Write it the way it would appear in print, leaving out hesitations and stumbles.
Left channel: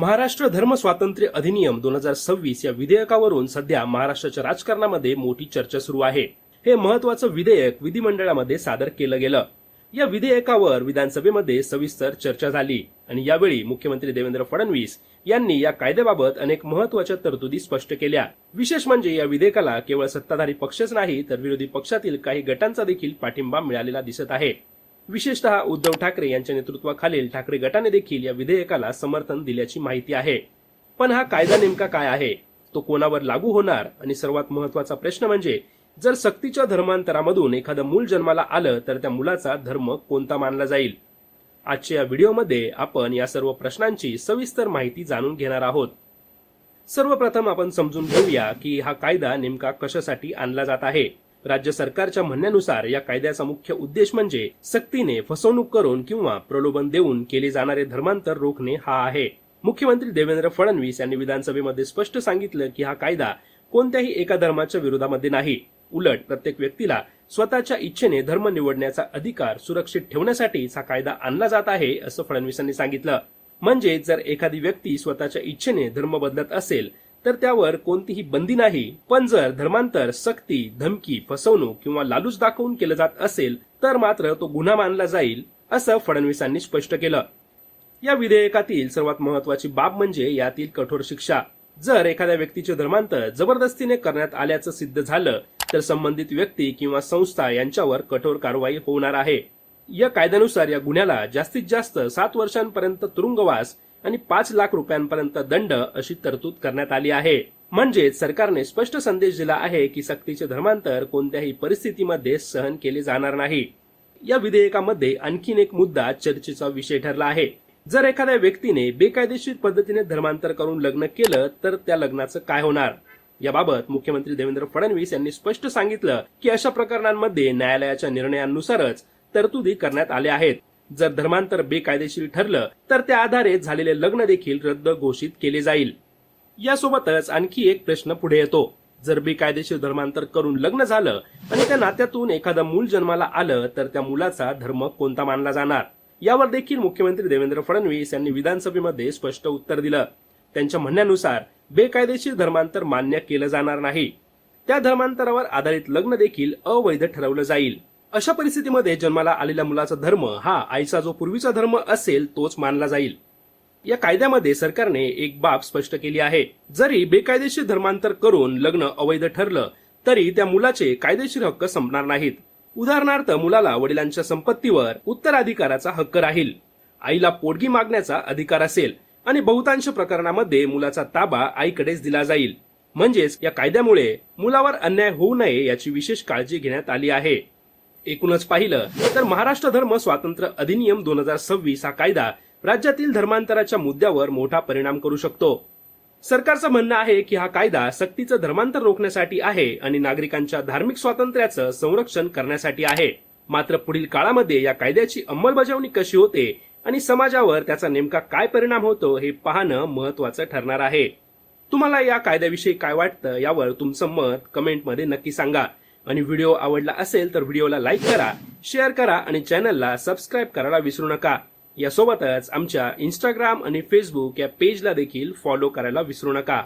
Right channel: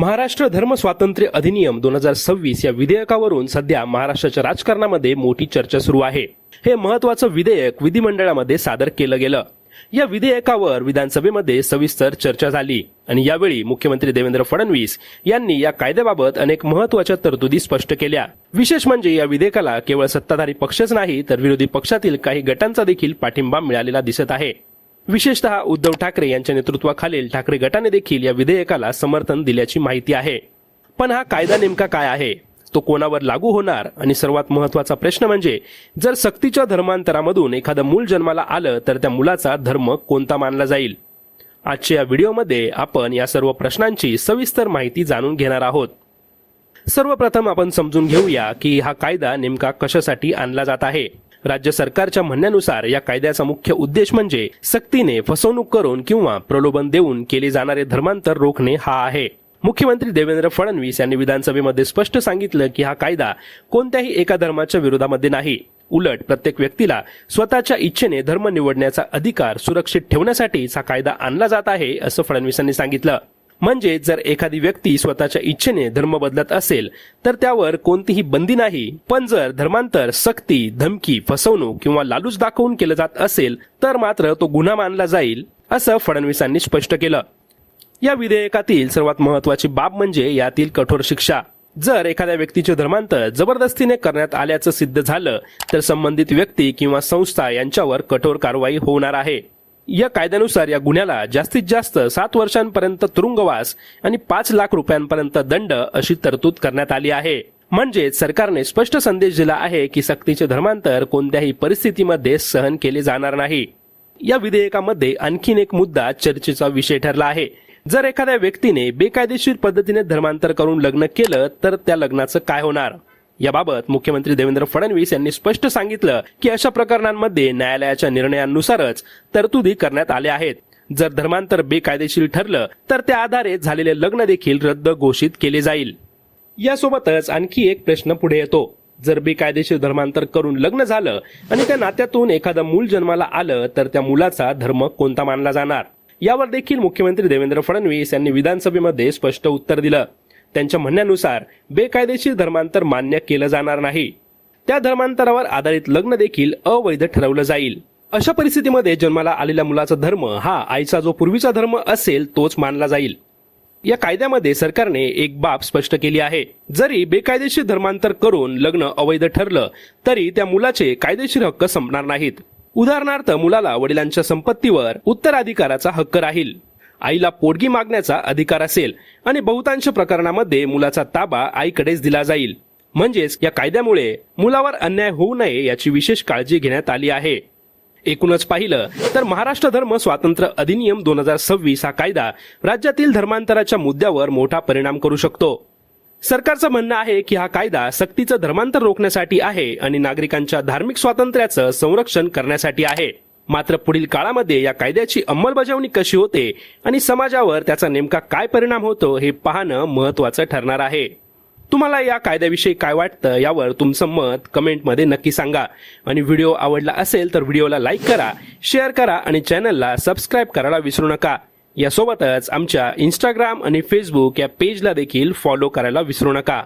महाराष्ट्र धर्म स्वातंत्र्य अधिनियम 2026 या विधेयकावरून सध्या महाराष्ट्राच्या राजकारणामध्ये मोठी चर्चा सुरू आहे। हे महत्त्वाचं विधेयक विधिमंडळामध्ये सादर केलं गेलं। या विधेयकावर विधानसभेमध्ये सविस्तर चर्चा झाली आणि यावेळी मुख्यमंत्री देवेंद्र फडणवीस यांनी या कायद्याबाबत अनेक महत्त्वाच्या तरतुदी स्पष्ट केल्या। विशेष म्हणजे या विधेयकाला केवळ सत्ताधारी पक्षच नाही तर विरोधी पक्षातील काही गटांचा देखील पाठिंबा मिळालेला दिसत आहे। विशेषतः उद्धव ठाकरे यांच्या नेतृत्वाखालील ठाकरे गटाने देखील या विधेयकाला समर्थन दिल्याची माहिती आहे। पण हा कायदा नेमका काय आहे, तो कोणावर लागू होणार आणि सर्वात महत्त्वाचा प्रश्न म्हणजे जर सक्तीच्या धर्मांतरामधून एखादं मूल जन्माला आलं तर त्या मुलाचा धर्म कोणता मानला जाईल। आजच्या या व्हिडिओमध्ये आपण या सर्व प्रश्नांची सविस्तर माहिती जाणून घेणार आहोत। सर्वप्रथम आपण समजून घेऊया की हा कायदा नेमका कशासाठी आणला जात आहे। राज्य सरकारच्या म्हणण्यानुसार या कायद्याचा मुख्य उद्देश म्हणजे सक्तीने फसवणूक करून किंवा प्रलोभन देऊन केले जाणारे धर्मांतर रोखणे हा आहे। मुख्यमंत्री देवेंद्र फडणवीस यांनी विधानसभेमध्ये स्पष्ट सांगितलं की हा कायदा कोणत्याही एका धर्माच्या विरोधामध्ये नाही, उलट प्रत्येक व्यक्तीला स्वतःच्या इच्छेने धर्म निवडण्याचा अधिकार सुरक्षित ठेवण्यासाठीच हा कायदा आणला जात आहे असं फडणवीसांनी सांगितलं। म्हणजे जर एखादी व्यक्ती स्वतःच्या इच्छेने धर्म बदलत असेल तर त्यावर कोणतीही बंदी नाही, पण जर धर्मांतर सक्ती, धमकी, फसवणूक किंवा लालूच दाखवून केलं जात असेल तर मात्र तो गुन्हा मानला जाईल असं फडणवीसांनी स्पष्ट केलं। या विधेयकातील सर्वात महत्त्वाची बाब म्हणजे यातील कठोर शिक्षा। जर एखाद्या व्यक्तीचे धर्मांतर जबरदस्तीने करण्यात आल्याचं सिद्ध झालं तर संबंधित व्यक्ती किंवा संस्था यांच्यावर कठोर कारवाई होणार आहे। या कायद्यानुसार या गुन्ह्याला जास्तीत जास्त 7 वर्षांपर्यंत तुरुंगवास आणि 5 लाख रुपयांपर्यंत दंड अशी तरतूद करण्यात आली आहे। म्हणजे सरकारने स्पष्ट संदेश दिला आहे की सक्तीचे धर्मांतर कोणत्याही परिस्थितीमध्ये सहन केले जाणार नाही। या विधेयकामध्ये आणखीन एक मुद्दा चर्चेचा विषय ठरला आहे। जर एखाद्या व्यक्तीने बेकायदेशीर पद्धतीने धर्मांतर करून लग्न केलं तर त्या लग्नाचं काय होणार। याबाबत मुख्यमंत्री देवेंद्र फडणवीस यांनी स्पष्ट सांगितलं की अशा प्रकरणांमध्ये न्यायालयाच्या निर्णयानुसारच तरतुदी करण्यात आल्या आहेत। जर धर्मांतर बेकायदेशीर ठरलं तर त्या आधारे झालेले लग्न देखील रद्द घोषित केले जाईल। यासोबतच आणखी एक प्रश्न पुढे येतो, जर बेकायदेशीर धर्मांतर करून लग्न झालं आणि त्या नात्यातून एखादं मूल जन्माला आलं तर त्या मुलाचा धर्म कोणता मानला जाणार। यावर देखील मुख्यमंत्री देवेंद्र फडणवीस यांनी विधानसभेमध्ये स्पष्ट उत्तर दिलं। त्यांच्या म्हणण्यानुसार बेकायदेशीर धर्मांतर मान्य केलं जाणार नाही, त्या धर्मांतरावर आधारित लग्न देखील अवैध ठरवलं जाईल। अशा परिस्थितीमध्ये जन्माला आलेल्या मुलाचा धर्म हा आईचा जो पूर्वीचा धर्म असेल तोच मानला जाईल। या कायद्यामध्ये सरकारने एक बाब स्पष्ट केली आहे, जरी बेकायदेशीर धर्मांतर करून लग्न अवैध ठरलं तरी त्या मुलाचे कायदेशीर हक्क संपणार नाहीत। उदाहरणार्थ मुलाला वडिलांच्या संपत्तीवर उत्तराधिकाराचा हक्क राहील, आईला पोटगी मागण्याचा अधिकार असेल आणि बहुतांश प्रकरणामध्ये मुलाचा ताबा आईकडेच दिला जाईल। म्हणजेच या कायद्यामुळे मुलावर अन्याय होऊ नये याची विशेष काळजी घेण्यात आली आहे। एकूणच पाहिलं तर महाराष्ट्र धर्म स्वातंत्र्य अधिनियम 2026 हा कायदा राज्यातील धर्मांतराच्या मुद्द्यावर मोठा परिणाम करू शकतो। सरकारचं म्हणणं आहे की हा कायदा सक्तीचं धर्मांतर रोखण्यासाठी आहे आणि नागरिकांच्या धार्मिक स्वातंत्र्याचं संरक्षण करण्यासाठी आहे। मात्र पुढील काळामध्ये या कायद्याची अंमलबजावणी कशी होते आणि समाजावर त्याचा नेमका काय परिणाम होतो हे पाहणं महत्त्वाचं ठरणार आहे। तुम्हाला या कायद्याविषयी काय वाटतं यावर तुमचं मत कमेंटमध्ये नक्की सांगा आणि व्हिडिओ आवडला असेल तर व्हिडिओला लाईक करा, शेअर करा आणि चॅनलला सबस्क्राईब करायला विसरू नका। यासोबतच आमच्या इंस्टाग्राम आणि फेसबुक या पेजला देखील फॉलो करायला विसरू नका।